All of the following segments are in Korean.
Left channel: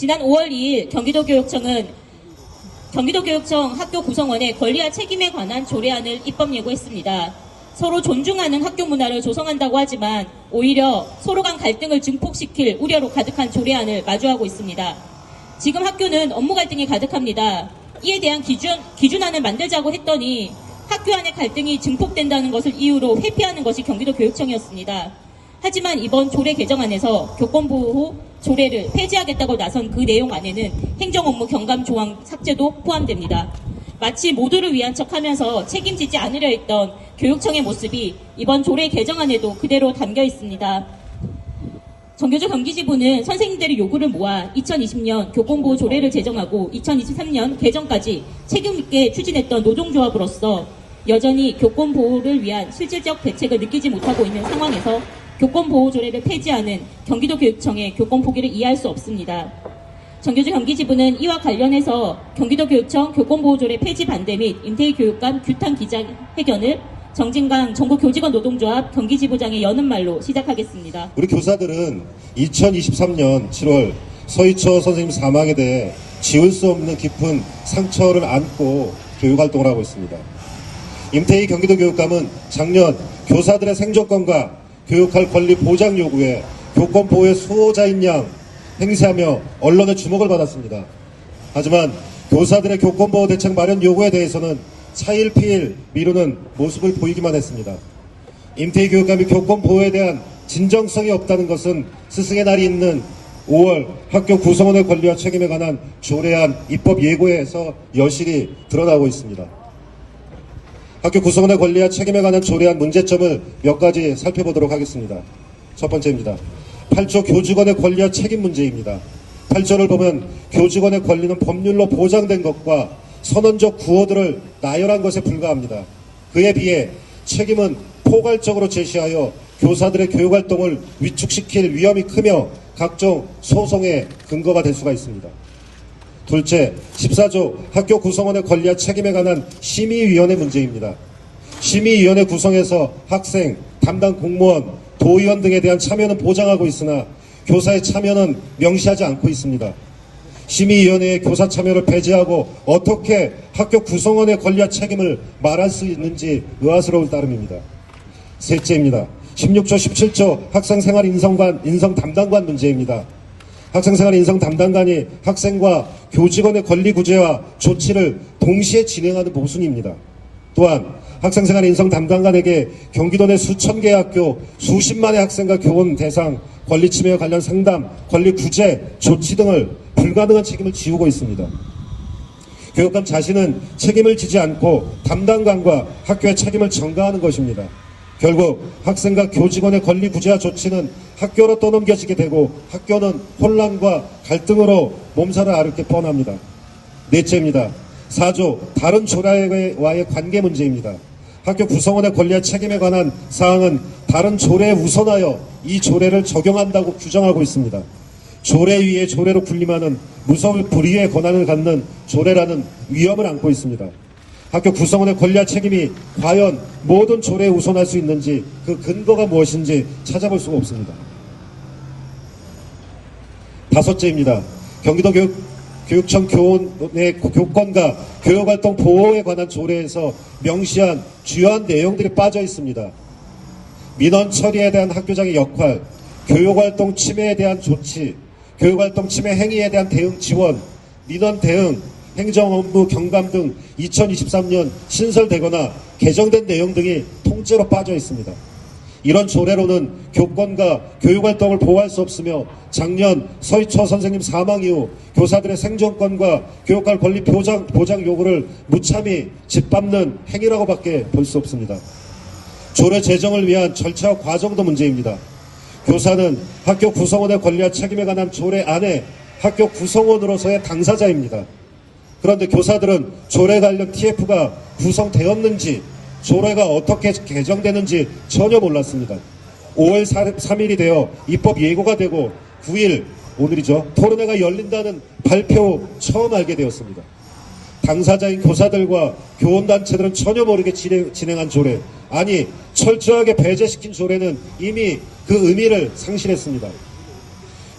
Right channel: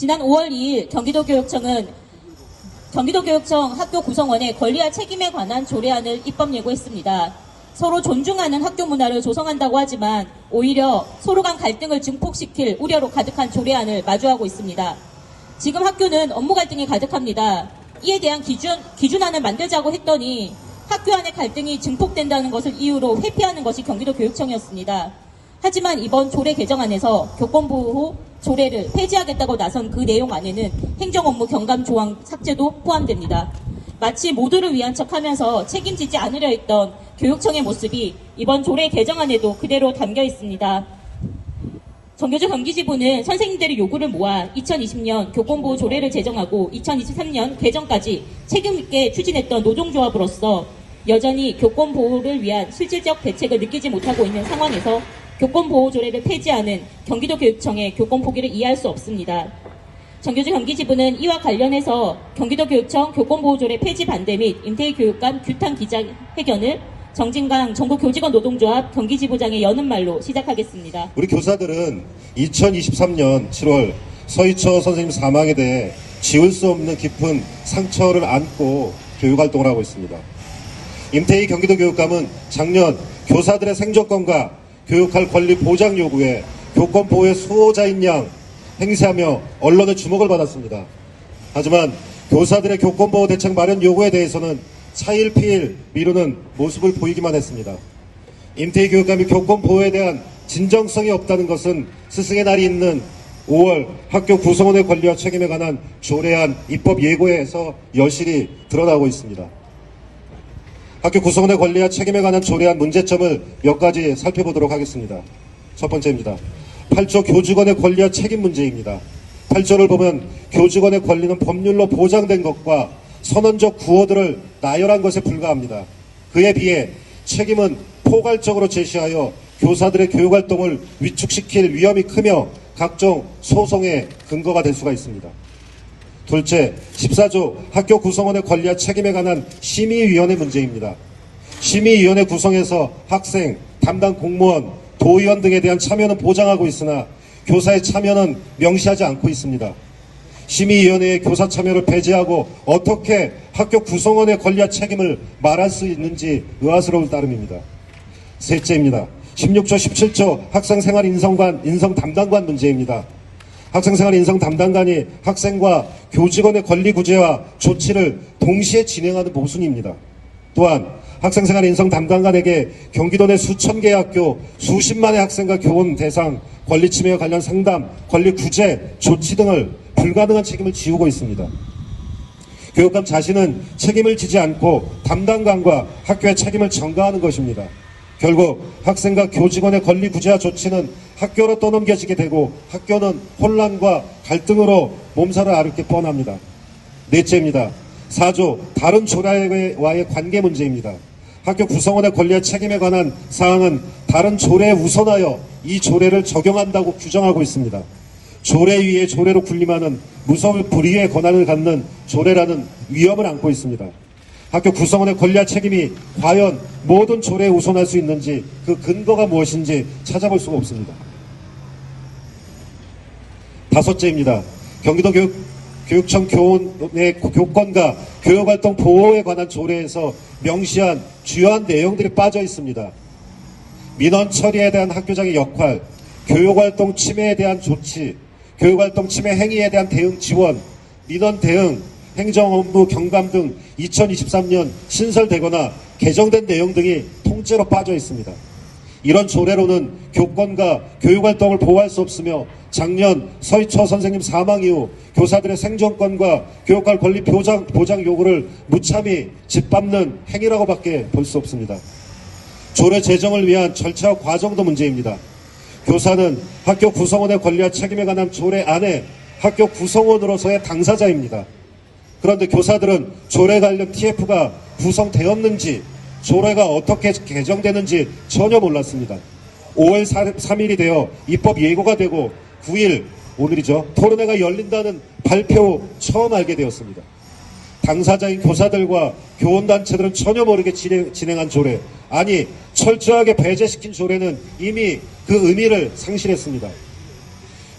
지난 5월 2일 경기도교육청 학교 구성원의 권리와 책임에 관한 조례안을 입법 예고했습니다. 서로 존중하는 학교 문화를 조성한다고 하지만 오히려 서로 간 갈등을 증폭시킬 우려로 가득한 조례안을 마주하고 있습니다. 지금 학교는 업무 갈등이 가득합니다. 이에 대한 기준안을 만들자고 했더니 학교 안의 갈등이 증폭된다는 것을 이유로 회피하는 것이 경기도교육청이었습니다. 하지만 이번 조례 개정안에서 교권보호 조례를 폐지하겠다고 나선 그 내용 안에는 행정업무 경감 조항 삭제도 포함됩니다. 마치 모두를 위한 척하면서 책임지지 않으려 했던 교육청의 모습이 이번 조례 개정안에도 그대로 담겨 있습니다. 정교조 경기지부는 선생님들의 요구를 모아 2020년 교권보호 조례를 제정하고 2023년 개정까지 책임있게 추진했던 노동조합으로서 여전히 교권보호를 위한 실질적 대책을 느끼지 못하고 있는 상황에서 교권보호조례를 폐지하는 경기도교육청의 교권 포기를 이해할 수 없습니다. 정교조 경기지부는 이와 관련해서 경기도교육청 교권보호조례 폐지 반대 및 임태희 교육감 규탄 기자회견을 정진강 전국교직원 노동조합 경기지부장의 여는 말로 시작하겠습니다. 우리 교사들은 2023년 7월 서희초 선생님 사망에 대해 지울 수 없는 깊은 상처를 안고 교육활동을 하고 있습니다. 임태희 경기도교육감은 작년 교사들의 생존권과 교육할 권리 보장 요구에 교권보호의 수호자인 양 행세하며 언론의 주목을 받았습니다. 하지만 교사들의 교권보호 대책 마련 요구에 대해서는 차일피일 미루는 모습을 보이기만 했습니다. 임태희 교육감이 교권보호에 대한 진정성이 없다는 것은 스승의 날이 있는 5월 학교 구성원의 권리와 책임에 관한 조례안 입법 예고에서 여실히 드러나고 있습니다. 학교 구성원의 권리와 책임에 관한 조례안 문제점을 몇 가지 살펴보도록 하겠습니다. 첫 번째입니다. 8조 교직원의 권리와 책임 문제입니다. 8조를 보면 교직원의 권리는 법률로 보장된 것과 선언적 구호들을 나열한 것에 불과합니다. 그에 비해 책임은 포괄적으로 제시하여 교사들의 교육활동을 위축시킬 위험이 크며 각종 소송의 근거가 될 수가 있습니다. 둘째, 14조 학교 구성원의 권리와 책임에 관한 심의위원회 문제입니다. 심의위원회 구성에서 학생, 담당 공무원, 도의원 등에 대한 참여는 보장하고 있으나 교사의 참여는 명시하지 않고 있습니다. 심의위원회의 교사 참여를 배제하고 어떻게 학교 구성원의 권리와 책임을 말할 수 있는지 의아스러울 따름입니다. 셋째입니다. 16조 17조 학생생활 인성 담당관 문제입니다. 학생생활 인성 담당관이 학생과 교직원의 권리 구제와 조치를 동시에 진행하는 모순입니다. 또한 학생생활 인성 담당관에게 경기도 내 수천 개의 학교 수십만의 학생과 교원 대상 권리 침해와 관련 상담, 권리 구제, 조치 등을 불가능한 책임을 지우고 있습니다. 교육감 자신은 책임을 지지 않고 담당관과 학교의 책임을 전가하는 것입니다. 결국 학생과 교직원의 권리 구제와 조치는 학교로 떠넘겨지게 되고 학교는 혼란과 갈등으로 몸살을 앓게 뻔합니다. 넷째입니다. 4조 다른 조례와의 관계 문제입니다. 학교 구성원의 권리와 책임에 관한 사항은 다른 조례에 우선하여 이 조례를 적용한다고 규정하고 있습니다. 조례 위에 조례로 군림하는 무소불 불위의 권한을 갖는 조례라는 위험을 안고 있습니다. 학교 구성원의 권리와 책임이 과연 모든 조례에 우선할 수 있는지 그 근거가 무엇인지 찾아볼 수가 없습니다. 다섯째입니다. 경기도 교육청 교원의 교권과 교육활동 보호에 관한 조례에서 명시한 주요한 내용들이 빠져 있습니다. 민원 처리에 대한 학교장의 역할, 교육활동 침해에 대한 조치, 교육활동 침해 행위에 대한 대응 지원, 민원 대응, 행정업무 경감 등 2023년 신설되거나 개정된 내용 등이 통째로 빠져 있습니다. 이런 조례로는 교권과 교육활동을 보호할 수 없으며 작년 서희초 선생님 사망 이후 교사들의 생존권과 교육할 권리 보장 요구를 무참히 짓밟는 행위라고밖에 볼 수 없습니다. 조례 제정을 위한 절차와 과정도 문제입니다. 교사는 학교 구성원의 권리와 책임에 관한 조례 안에 학교 구성원으로서의 당사자입니다. 그런데 교사들은 조례 관련 TF가 구성되었는지 조례가 어떻게 개정되는지 전혀 몰랐습니다. 5월 3일이 되어 입법 예고가 되고 9일 오늘이죠. 토론회가 열린다는 발표 처음 알게 되었습니다. 당사자인 교사들과 교원단체들은 전혀 모르게 진행한 조례, 아니 철저하게 배제시킨 조례는 이미 그 의미를 상실했습니다.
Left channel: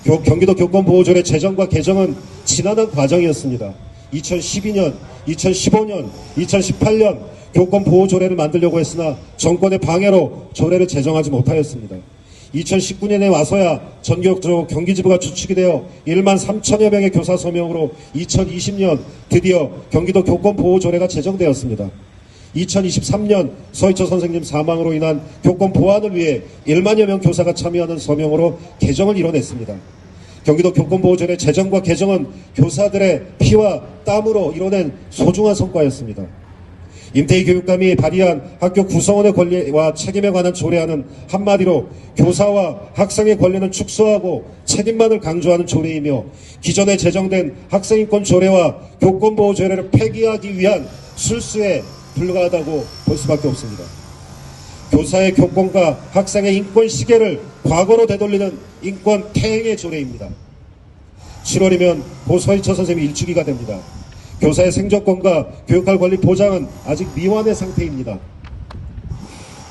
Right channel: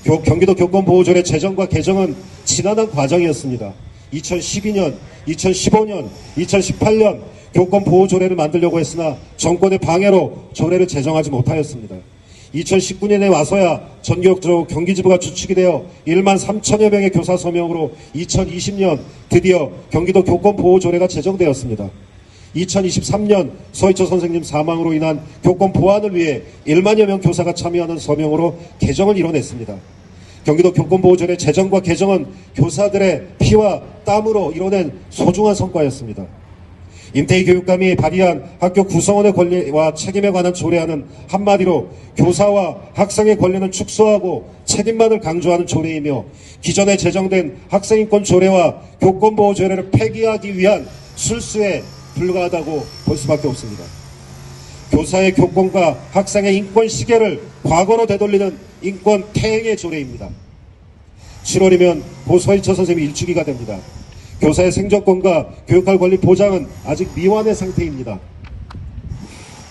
경기도 교권보호조례 제정과 개정은 지난한 과정이었습니다. 2012년, 2015년, 2018년 교권보호조례를 만들려고 했으나 정권의 방해로 조례를 제정하지 못하였습니다. 2019년에 와서야 전격적으로 경기지부가 주축이 되어 1만 3천여 명의 교사 서명으로 2020년 드디어 경기도 교권보호조례가 제정되었습니다. 2023년 서희초 선생님 사망으로 인한 교권 보완을 위해 1만여 명 교사가 참여하는 서명으로 개정을 이뤄냈습니다. 경기도 교권보호조례 제정과 개정은 교사들의 피와 땀으로 이뤄낸 소중한 성과였습니다. 임태희 교육감이 발의한 학교 구성원의 권리와 책임에 관한 조례안은 한마디로 교사와 학생의 권리는 축소하고 책임만을 강조하는 조례이며 기존에 제정된 학생인권 조례와 교권보호 조례를 폐기하기 위한 실수에 불과하다고 볼 수밖에 없습니다. 교사의 교권과 학생의 인권 시계를 과거로 되돌리는 인권 퇴행의 조례입니다. 7월이면 고 서희초 선생님이 일주기가 됩니다. 교사의 생존권과 교육할 권리 보장은 아직 미완의 상태입니다.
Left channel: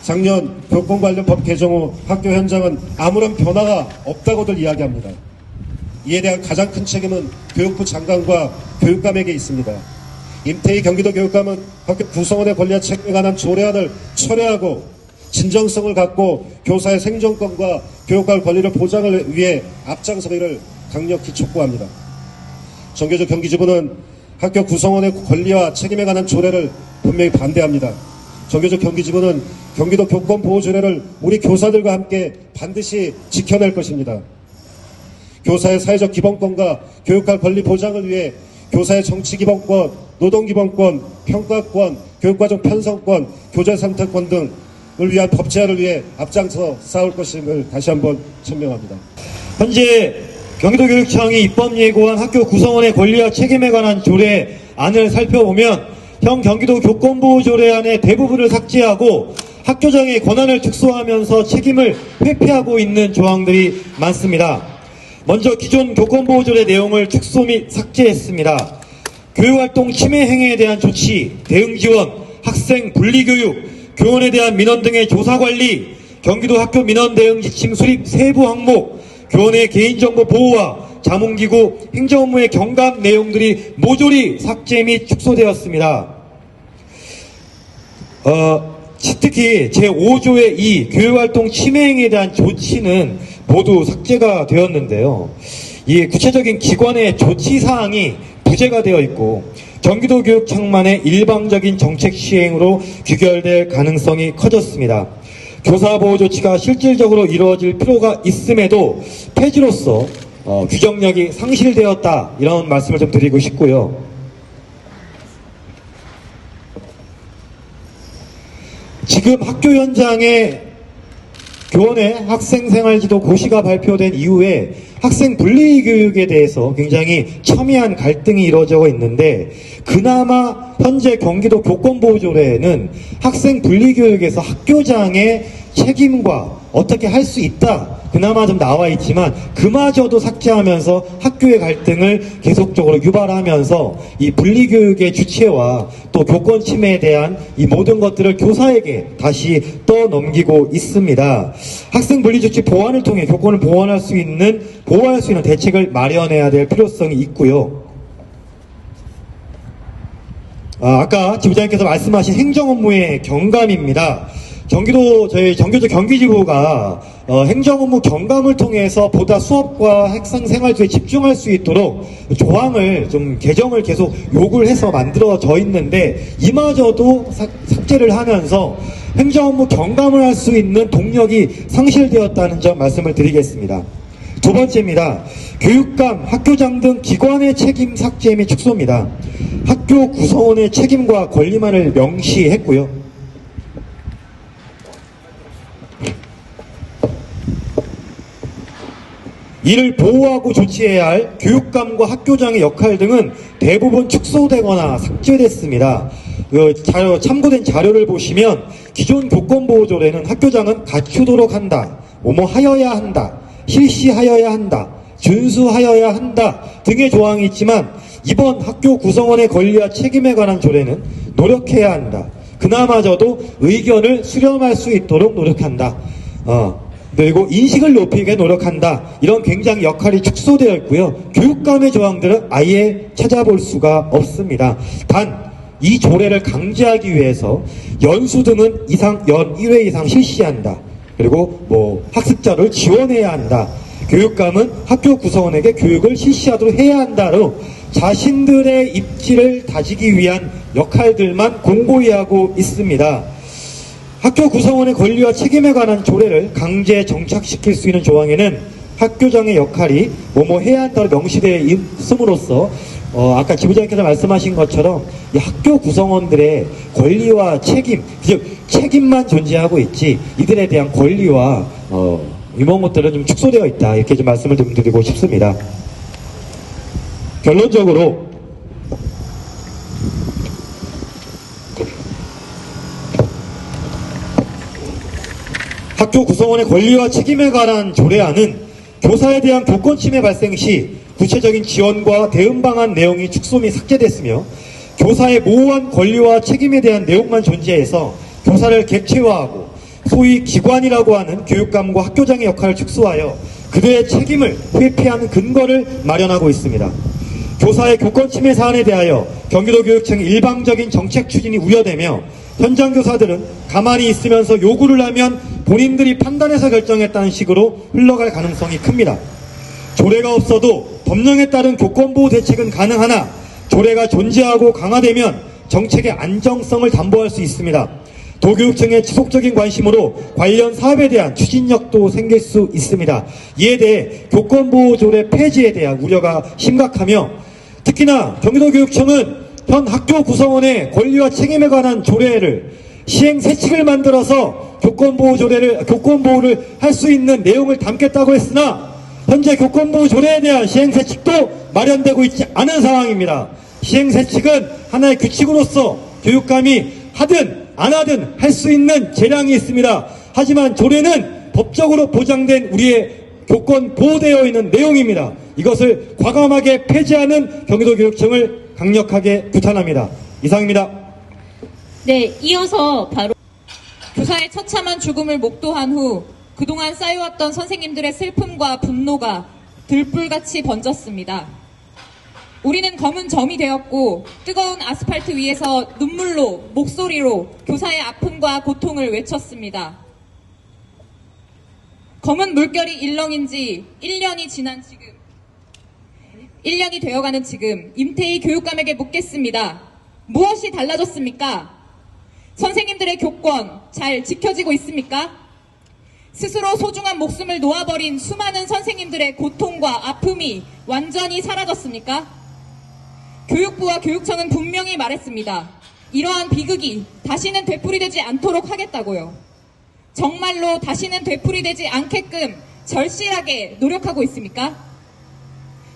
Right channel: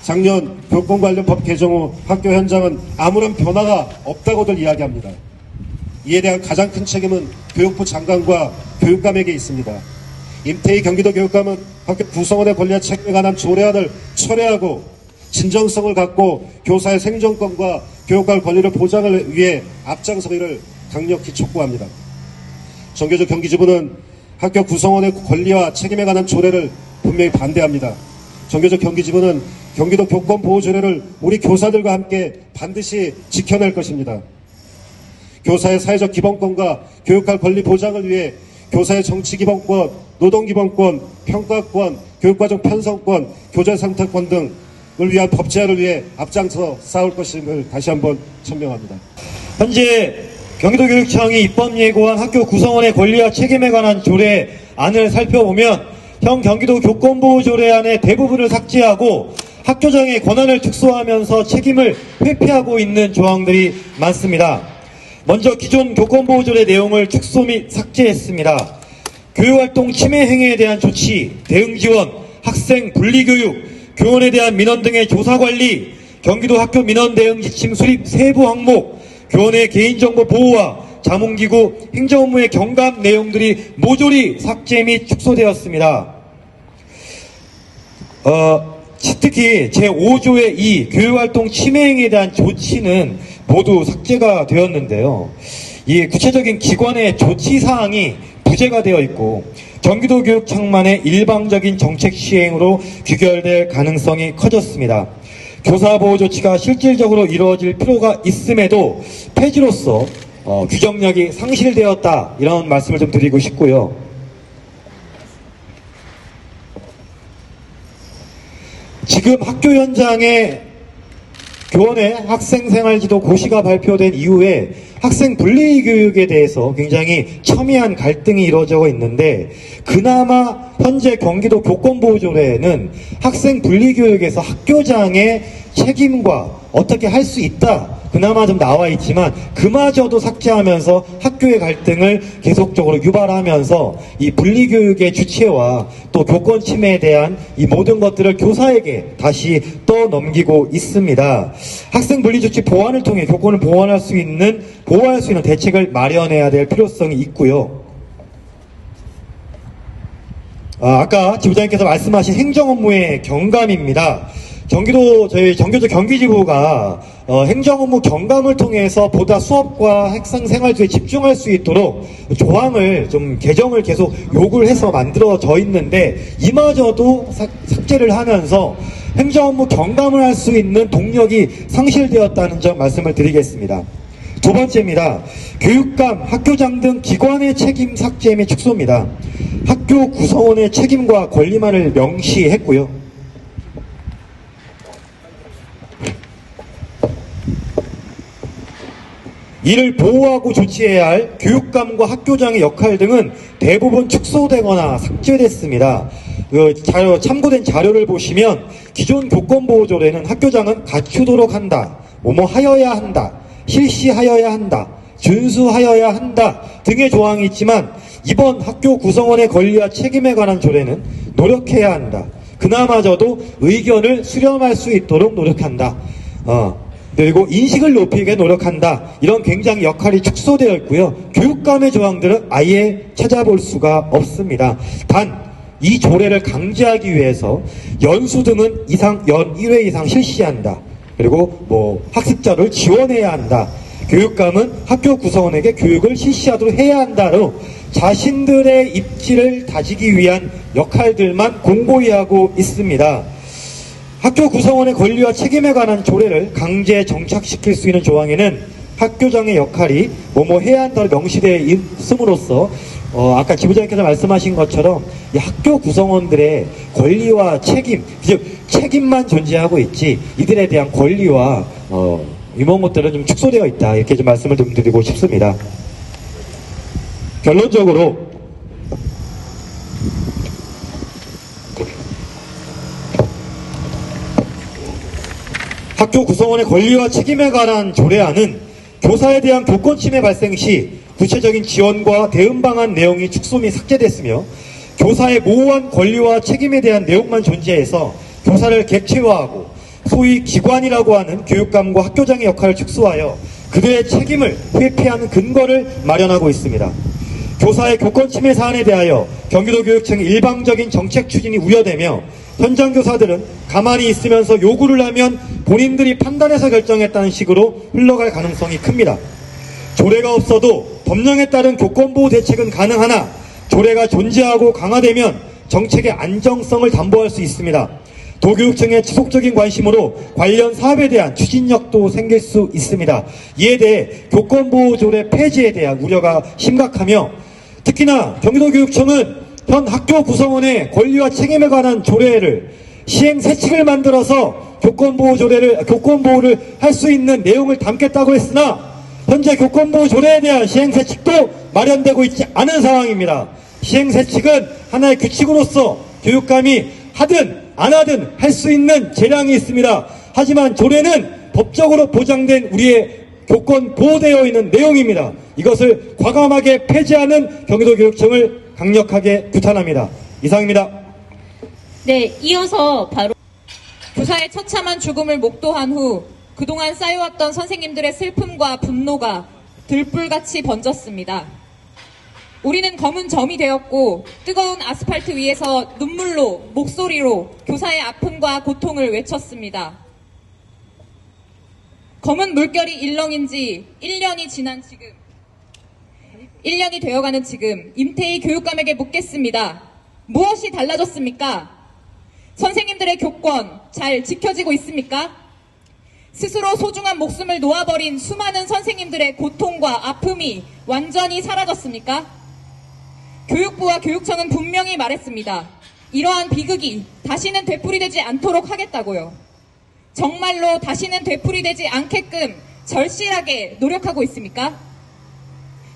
작년 교권 관련 법 개정 후 학교 현장은 아무런 변화가 없다고들 이야기합니다. 이에 대한 가장 큰 책임은 교육부 장관과 교육감에게 있습니다. 임태희 경기도 교육감은 학교 구성원의 권리와 책임에 관한 조례안을 철회하고 진정성을 갖고 교사의 생존권과 교육할 권리를 보장을 위해 앞장서기를 강력히 촉구합니다. 정교조 경기지부는 학교 구성원의 권리와 책임에 관한 조례를 분명히 반대합니다. 정교조 경기지부는 경기도 교권보호조례를 우리 교사들과 함께 반드시 지켜낼 것입니다. 교사의 사회적 기본권과 교육할 권리 보장을 위해 교사의 정치기본권, 노동기본권, 평가권, 교육과정 편성권, 교재 선택권 등을 위한 법 제안을 위해 앞장서 싸울 것임을 다시 한번 천명합니다. 현재 경기도교육청이 입법 예고한 학교 구성원의 권리와 책임에 관한 조례안을 살펴보면 현 경기도 교권보호조례안의 대부분을 삭제하고 학교장의 권한을 축소하면서 책임을 회피하고 있는 조항들이 많습니다. 먼저 기존 교권보호조례 내용을 축소 및 삭제했습니다. 교육활동 침해 행위에 대한 조치, 대응 지원, 학생 분리교육, 교원에 대한 민원 등의 조사관리, 경기도 학교 민원 대응 지침 수립 세부 항목, 교원의 개인정보 보호와 자문기구 행정업무의 경감 내용들이 모조리 삭제 및 축소되었습니다. 특히 제5조의 2 교육활동 침해행위에 대한 조치는 모두 삭제가 되었는데요. 이 구체적인 기관의 조치사항이 부재가 되어 있고 경기도 교육청만의 일방적인 정책 시행으로 귀결될 가능성이 커졌습니다. 교사보호 조치가 실질적으로 이루어질 필요가 있음에도 폐지로서 규정력이 상실되었다, 이런 말씀을 좀 드리고 싶고요. 지금 학교 현장에 교원의 학생생활지도 고시가 발표된 이후에 학생 분리교육에 대해서 굉장히 첨예한 갈등이 이루어지고 있는데, 그나마 현재 경기도 교권보호조례에는 학생 분리교육에서 학교장의 책임과 어떻게 할 수 있다, 그나마 좀 나와 있지만 그마저도 삭제하면서 학교의 갈등을 계속적으로 유발하면서 이 분리교육의 주체와 또 교권 침해에 대한 이 모든 것들을 교사에게 다시 떠넘기고 있습니다. 학생 분리조치 보완을 통해 교권을 보호할 수 있는 대책을 마련해야 될 필요성이 있고요. 아까 지부장님께서 말씀하신 행정업무의 경감입니다. 저희 정교조 경기지부가 행정업무 경감을 통해서 보다 수업과 학생 생활에 집중할 수 있도록 조항을 좀 개정을 계속 요구를 해서 만들어져 있는데, 이마저도 삭제를 하면서 행정업무 경감을 할 수 있는 동력이 상실되었다는 점 말씀을 드리겠습니다. 두 번째입니다. 교육감, 학교장 등 기관의 책임 삭제 및 축소입니다. 학교 구성원의 책임과 권리만을 명시했고요. 이를 보호하고 조치해야 할 교육감과 학교장의 역할 등은 대부분 축소되거나 삭제됐습니다. 참고된 자료를 보시면 기존 교권보호조례는 학교장은 갖추도록 한다, 하여야 한다, 실시하여야 한다, 준수하여야 한다 등의 조항이 있지만, 이번 학교 구성원의 권리와 책임에 관한 조례는 노력해야 한다, 그나마저도 의견을 수렴할 수 있도록 노력한다, 그리고 인식을 높이게 노력한다. 이런 굉장히 역할이 축소되어 있고요. 교육감의 조항들은 아예 찾아볼 수가 없습니다. 단 이 조례를 강제하기 위해서 연수 등은 연 1회 이상 실시한다. 그리고 학습자를 지원해야 한다. 교육감은 학교 구성원에게 교육을 실시하도록 해야 한다로 자신들의 입지를 다지기 위한 역할들만 공고히 하고 있습니다. 학교 구성원의 권리와 책임에 관한 조례를 강제 정착시킬 수 있는 조항에는 학교장의 역할이 해야 한다로 명시되어 있음으로써 아까 지부장님께서 말씀하신 것처럼 이 학교 구성원들의 권리와 책임, 즉 책임만 존재하고 있지 이들에 대한 권리와 이런 것들은 좀 축소되어 있다, 이렇게 좀 말씀을 좀 드리고 싶습니다. 결론적으로 학교 구성원의 권리와 책임에 관한 조례안은 교사에 대한 교권 침해 발생 시 구체적인 지원과 대응 방안 내용이 축소 및 삭제됐으며, 교사의 모호한 권리와 책임에 대한 내용만 존재해서 교사를 객체화하고 소위 기관이라고 하는 교육감과 학교장의 역할을 축소하여 그들의 책임을 회피하는 근거를 마련하고 있습니다. 교사의 교권 침해 사안에 대하여 경기도교육청의 일방적인 정책 추진이 우려되며, 현장 교사들은 가만히 있으면서 요구를 하면 본인들이 판단해서 결정했다는 식으로 흘러갈 가능성이 큽니다. 조례가 없어도 법령에 따른 교권보호 대책은 가능하나 조례가 존재하고 강화되면 정책의 안정성을 담보할 수 있습니다. 도교육청의 지속적인 관심으로 관련 사업에 대한 추진력도 생길 수 있습니다. 이에 대해 교권보호조례 폐지에 대한 우려가 심각하며, 특히나 경기도교육청은 현 학교 구성원의 권리와 책임에 관한 조례를 시행세칙을 만들어서 교권보호를 할 수 있는 내용을 담겠다고 했으나 현재 교권보호조례에 대한 시행세칙도 마련되고 있지 않은 상황입니다. 시행세칙은 하나의 규칙으로서 교육감이 하든 안 하든 할 수 있는 재량이 있습니다. 하지만 조례는 법적으로 보장된 우리의 교권 보호되어 있는 내용입니다. 이것을 과감하게 폐지하는 경기도교육청을 강력하게 규탄합니다. 이상입니다. 네, 이어서 바로 교사의 처참한 죽음을 목도한 후 그동안 쌓여왔던 선생님들의 슬픔과 분노가 들불같이 번졌습니다. 우리는 검은 점이 되었고 뜨거운 아스팔트 위에서 눈물로, 목소리로 교사의 아픔과 고통을 외쳤습니다. 검은 물결이 일렁인지 1년이 지난 지금, 1년이 되어가는 지금 임태희 교육감에게 묻겠습니다. 무엇이 달라졌습니까? 선생님들의 교권 잘 지켜지고 있습니까? 스스로 소중한 목숨을 놓아버린 수많은 선생님들의 고통과 아픔이 완전히 사라졌습니까? 교육부와 교육청은 분명히 말했습니다. 이러한 비극이 다시는 되풀이되지 않도록 하겠다고요. 정말로 다시는 되풀이되지 않게끔 절실하게 노력하고 있습니까?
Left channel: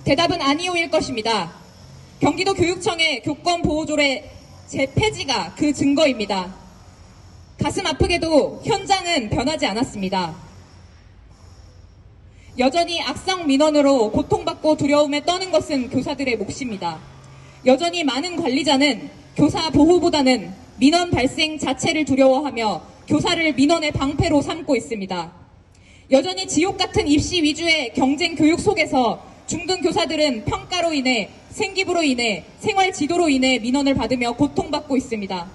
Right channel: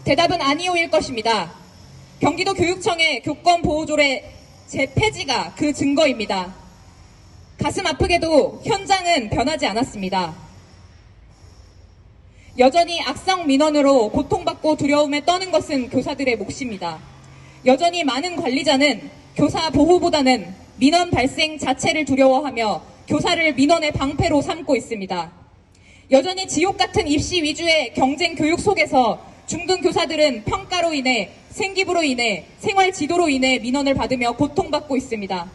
대답은 아니오일 것입니다. 경기도 교육청의 교권보호조례 재폐지가 그 증거입니다. 가슴 아프게도 현장은 변하지 않았습니다. 여전히 악성 민원으로 고통받고 두려움에 떠는 것은 교사들의 몫입니다. 여전히 많은 관리자는 교사 보호보다는 민원 발생 자체를 두려워하며 교사를 민원의 방패로 삼고 있습니다. 여전히 지옥 같은 입시 위주의 경쟁 교육 속에서 중등 교사들은 평가로 인해, 생기부로 인해, 생활 지도로 인해 민원을 받으며 고통받고 있습니다.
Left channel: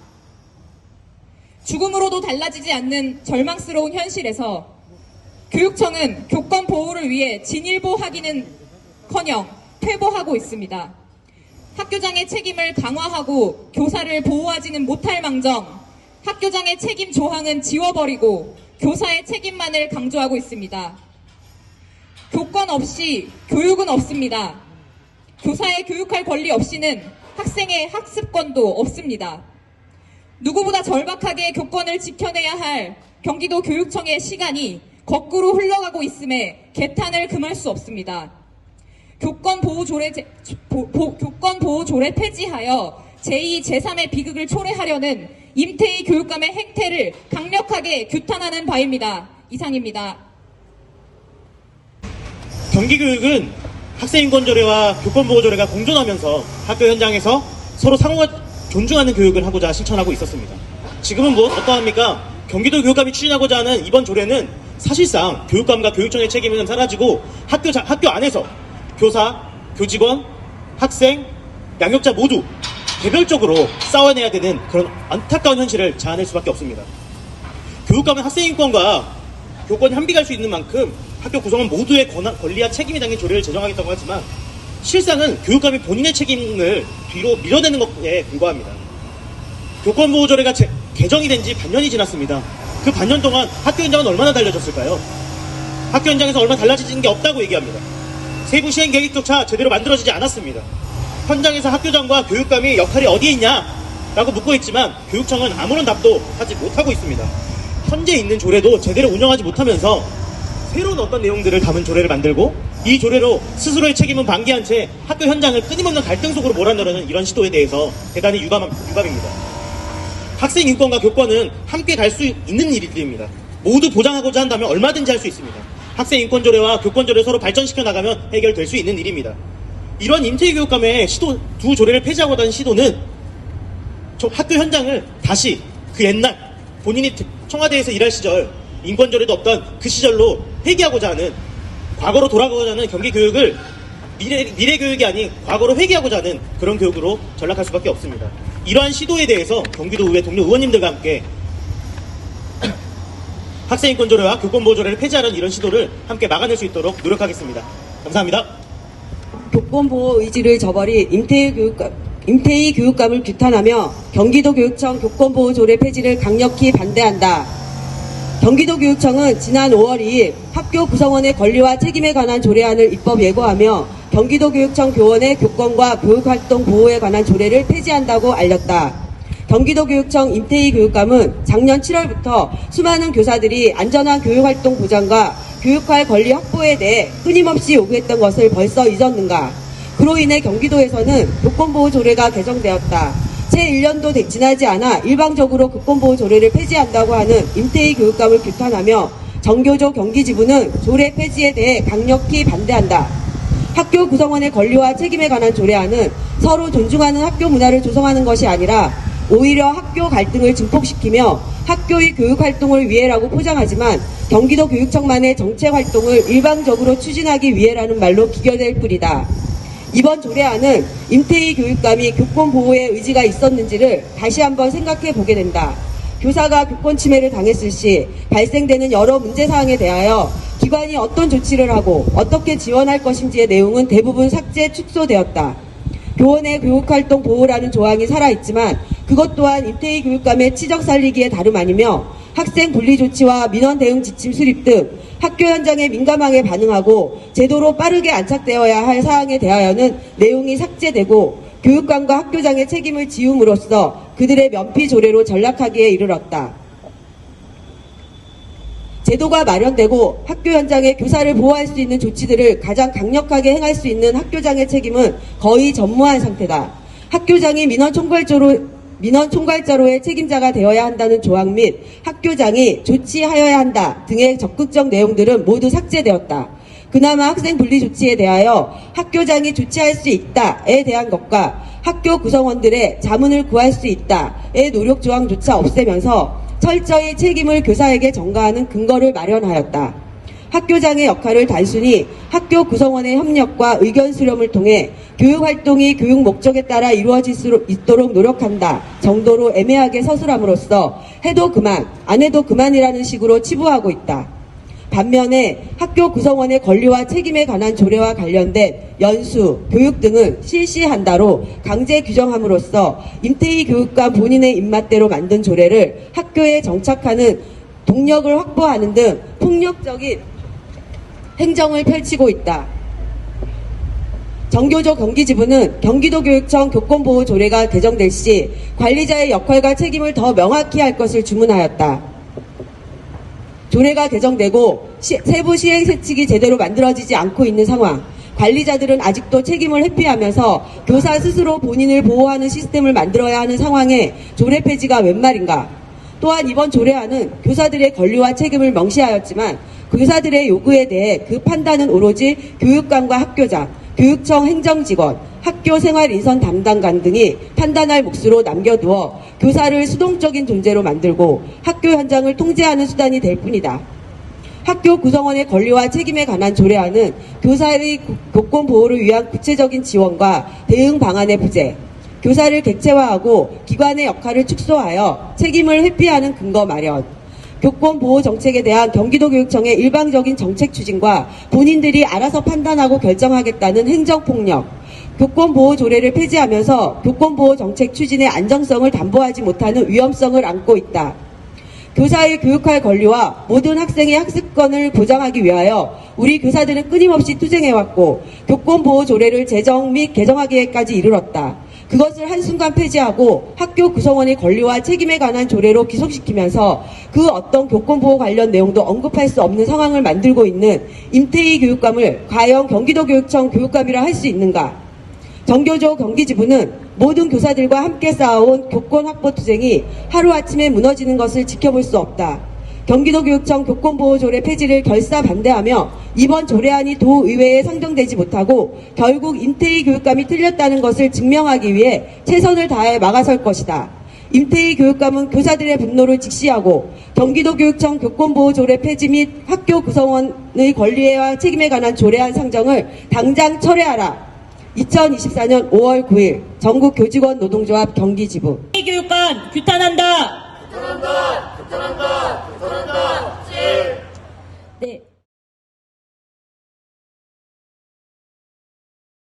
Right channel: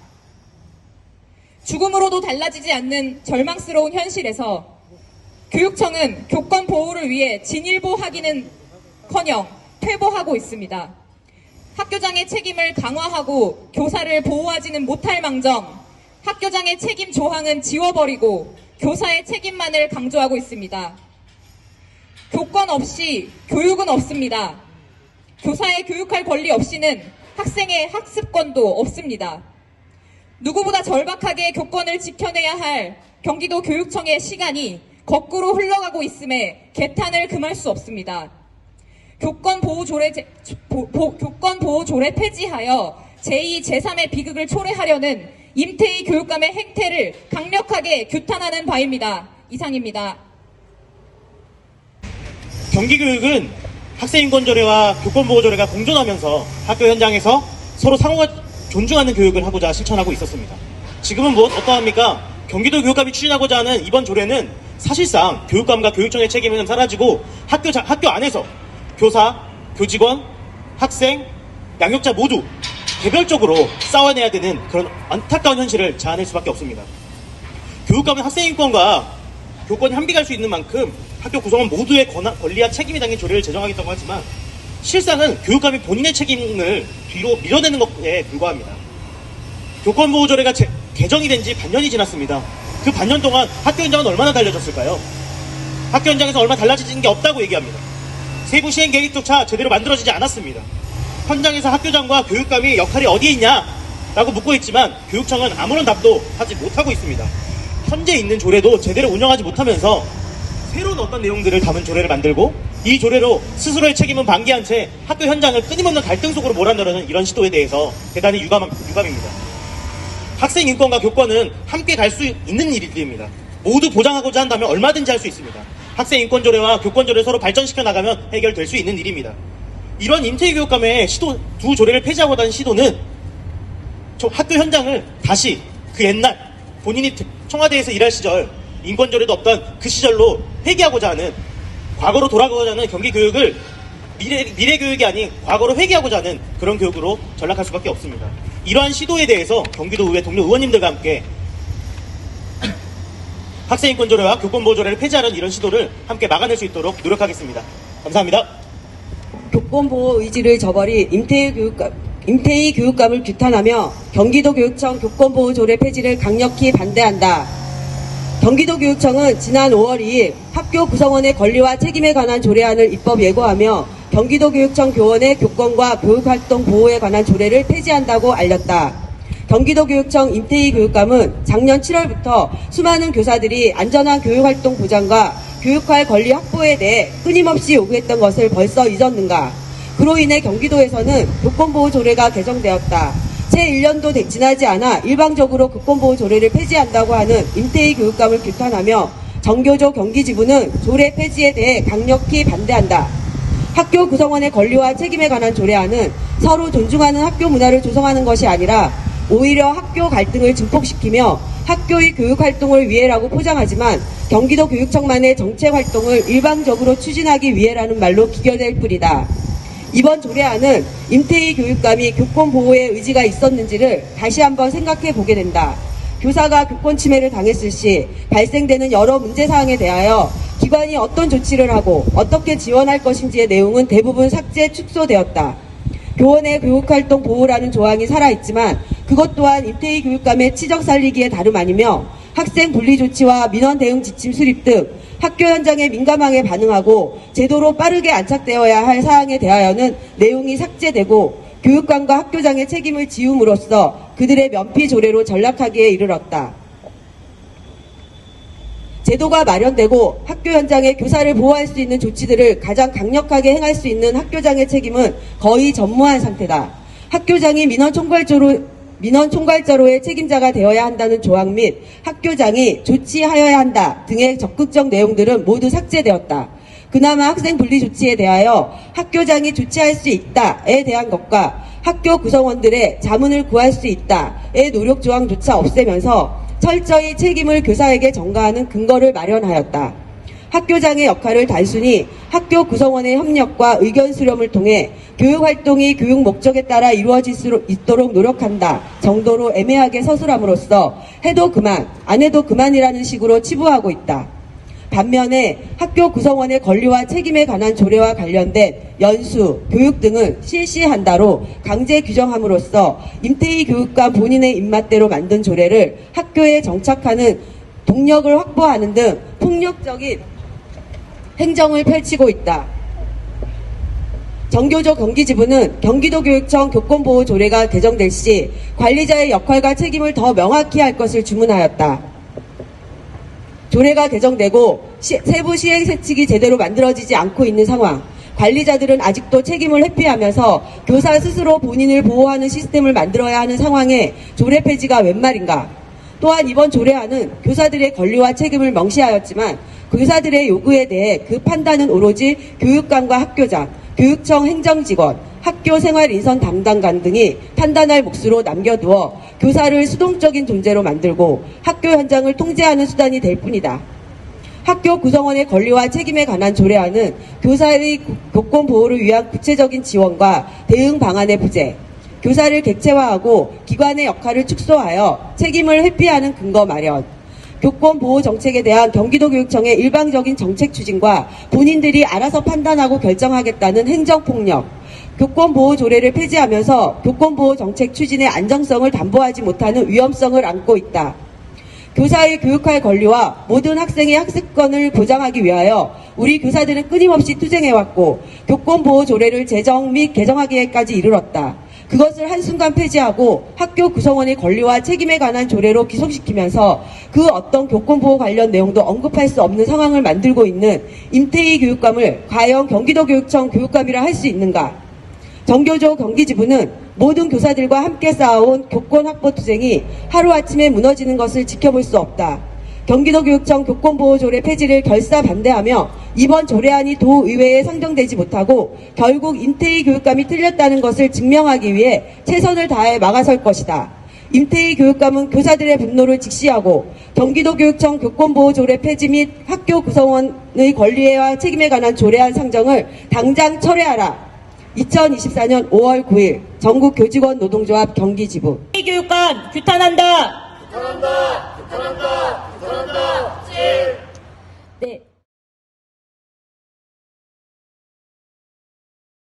죽음으로도 달라지지 않는 절망스러운 현실에서 교육청은 교권 보호를 위해 진일보하기는커녕 퇴보하고 있습니다. 학교장의 책임을 강화하고 교사를 보호하지는 못할 망정, 학교장의 책임 조항은 지워버리고 교사의 책임만을 강조하고 있습니다. 교권 없이 교육은 없습니다. 교사의 교육할 권리 없이는 학생의 학습권도 없습니다. 누구보다 절박하게 교권을 지켜내야 할 경기도 교육청의 시간이 거꾸로 흘러가고 있음에 개탄을 금할 수 없습니다. 교권보호조례 폐지하여 제2, 제3의 비극을 초래하려는 임태희 교육감의 행태를 강력하게 규탄하는 바입니다. 이상입니다. 경기교육은 학생인권조례와 교권보호조례가 공존하면서 학교 현장에서 서로 상호가 존중하는 교육을 하고자 실천하고 있었습니다. 지금은 어떠합니까? 경기도 교육감이 추진하고자 하는 이번 조례는 사실상 교육감과 교육청의 책임은 사라지고 학교 안에서 교사, 교직원, 학생, 양육자 모두 개별적으로 싸워내야 되는 그런 안타까운 현실을 자아낼 수밖에 없습니다. 교육감은 학생 인권과 교권이 한비갈 수 있는 만큼 학교 구성원 모두의 권리와 책임이 담긴 조례를 제정하겠다고 하지만 실상은 교육감이 본인의 책임을 뒤로 밀어내는 것에 불과합니다. 교권보호조례가 개정이 된 지 반년이 지났습니다. 그 반년 동안 학교 현장은 얼마나 달라졌을까요? 학교 현장에서 얼마나 달라진 게 없다고 얘기합니다. 세부 시행 계획조차 제대로 만들어지지 않았습니다. 현장에서 학교장과 교육감이 역할이 어디에 있냐? 라고 묻고 있지만 교육청은 아무런 답도 하지 못하고 있습니다. 현재 있는 조례도 제대로 운영하지 못하면서 새로운 어떤 내용들을 담은 조례를 만들고 이 조례로 스스로의 책임은 방기한 채 학교 현장을 끊임없는 갈등 속으로 몰아넣는 이런 시도에 대해서 대단히 유감입니다. 학생 인권과 교권은 함께 달 수 있는 일입니다. 모두 보장하고자 한다면 얼마든지 할 수 있습니다. 학생 인권 조례와 교권 조례 서로 발전시켜 나가면 해결될 수 있는 일입니다. 이런 임태희 교육감의 두 조례를 폐지하고자 하는 시도는 학교 현장을 다시 그 옛날 본인이 청와대에서 일할 시절 인권조례도 없던 그 시절로 회귀하고자 하는, 과거로 돌아가고자 하는 경기 교육을 미래 교육이 아닌 과거로 회귀하고자 하는 그런 교육으로 전락할 수밖에 없습니다. 이러한 시도에 대해서 경기도의회 동료 의원님들과 함께 학생인권조례와 교권보호조례를 폐지하는 이런 시도를 함께 막아낼 수 있도록 노력하겠습니다. 감사합니다. 교권보호 의지를 저버린 임태희 교육감을 규탄하며 경기도교육청 교권보호조례 폐지를 강력히 반대한다. 경기도교육청은 지난 5월 2일 학교 구성원의 권리와 책임에 관한 조례안을 입법 예고하며 경기도교육청 교원의 교권과 교육활동 보호에 관한 조례를 폐지한다고 알렸다. 경기도교육청 임태희 교육감은 작년 7월부터 수많은 교사들이 안전한 교육활동 보장과 교육할 권리 확보에 대해 끊임없이 요구했던 것을 벌써 잊었는가? 그로 인해 경기도에서는 교권보호조례가 개정되었다. 채 1년도 지나지 않아 일방적으로 교권보호조례를 폐지한다고 하는 임태희 교육감을 비판하며 정교조 경기지부는 조례 폐지에 대해 강력히 반대한다. 학교 구성원의 권리와 책임에 관한 조례안은 서로 존중하는 학교 문화를 조성하는 것이 아니라 오히려 학교 갈등을 증폭시키며 학교의 교육활동을 위해라고 포장하지만 경기도 교육청만의 정책활동을 일방적으로 추진하기 위해라는 말로 비교될 뿐이다. 이번 조례안은 임태희 교육감이 교권보호에 의지가 있었는지를 다시 한번 생각해 보게 된다. 교사가 교권 침해를 당했을 시 발생되는 여러 문제사항에 대하여 기관이 어떤 조치를 하고 어떻게 지원할 것인지의 내용은 대부분 삭제, 축소되었다. 교원의 교육활동 보호라는 조항이 살아있지만 그것 또한 임태희 교육감의 치적 살리기에 다름 아니며 학생 분리 조치와 민원 대응 지침 수립 등 학교 현장의 민감하게 반응하고 제도로 빠르게 안착되어야 할 사항에 대하여는 내용이 삭제되고 교육감과 학교장의 책임을 지움으로써 그들의 면피 조례로 전락하기에 이르렀다. 제도가 마련되고 학교 현장에 교사를 보호할 수 있는 조치들을 가장 강력하게 행할 수 있는 학교장의 책임은 거의 전무한 상태다. 학교장이 민원 총괄자로의 책임자가 되어야 한다는 조항 및 학교장이 조치하여야 한다 등의 적극적 내용들은 모두 삭제되었다. 그나마 학생 분리 조치에 대하여 학교장이 조치할 수 있다에 대한 것과 학교 구성원들의 자문을 구할 수 있다의 노력 조항조차 없애면서 철저히 책임을 교사에게 전가하는 근거를 마련하였다. 학교장의 역할을 단순히 학교 구성원의 협력과 의견 수렴을 통해 교육활동이 교육 목적에 따라 이루어질 수 있도록 노력한다 정도로 애매하게 서술함으로써 해도 그만, 안 해도 그만이라는 식으로 치부하고 있다. 반면에 학교 구성원의 권리와 책임에 관한 조례와 관련된 연수, 교육 등을 실시한다로 강제 규정함으로써 임태희 교육감 본인의 입맛대로 만든 조례를 학교에 정착하는 동력을 확보하는 등 폭력적인 행정을 펼치고 있다. 정교조 경기지부는 경기도교육청 교권보호조례가 개정될 시 관리자의 역할과 책임을 더 명확히 할 것을 주문하였다. 조례가 개정되고 세부 시행 세칙이 제대로 만들어지지 않고 있는 상황, 관리자들은 아직도 책임을 회피하면서 교사 스스로 본인을 보호하는 시스템을 만들어야 하는 상황에 조례 폐지가 웬 말인가? 또한 이번 조례안은 교사들의 권리와 책임을 명시하였지만 교사들의 요구에 대해 그 판단은 오로지 교육감과 학교장, 교육청 행정직원, 학교 생활 인선 담당관 등이 판단할 몫으로 남겨두어 교사를 수동적인 존재로 만들고 학교 현장을 통제하는 수단이 될 뿐이다. 학교 구성원의 권리와 책임에 관한 조례안은 교사의 교권 보호를 위한 구체적인 지원과 대응 방안의 부재, 교사를 객체화하고 기관의 역할을 축소하여 책임을 회피하는 근거 마련, 교권 보호 정책에 대한 경기도교육청의 일방적인 정책 추진과 본인들이 알아서 판단하고 결정하겠다는 행정폭력, 교권보호 조례를 폐지하면서 교권보호 정책 추진의 안정성을 담보하지 못하는 위험성을 안고 있다. 교사의 교육할 권리와 모든 학생의 학습권을 보장하기 위하여 우리 교사들은 끊임없이 투쟁해왔고 교권보호 조례를 제정 및 개정하기까지 이르렀다. 그것을 한순간 폐지하고 학교 구성원의 권리와 책임에 관한 조례로 기속시키면서 그 어떤 교권보호 관련 내용도 언급할 수 없는 상황을 만들고 있는 임태희 교육감을 과연 경기도교육청 교육감이라 할 수 있는가? 정교조 경기지부는 모든 교사들과 함께 쌓아온 교권 확보 투쟁이 하루아침에 무너지는 것을 지켜볼 수 없다. 경기도교육청 교권보호조례 폐지를 결사 반대하며 이번 조례안이 도의회에 선정되지 못하고 결국 임태희 교육감이 틀렸다는 것을 증명하기 위해 최선을 다해 막아설 것이다. 임태희 교육감은 교사들의 분노를 직시하고 경기도교육청 교권보호조례 폐지 및 학교 구성원의 권리와 책임에 관한 조례안 상정을 당장 철회하라. 2024년 5월 9일 전국 교직원 노동조합 경기지부. 교육감 규탄한다. 규탄한다. 규탄한다.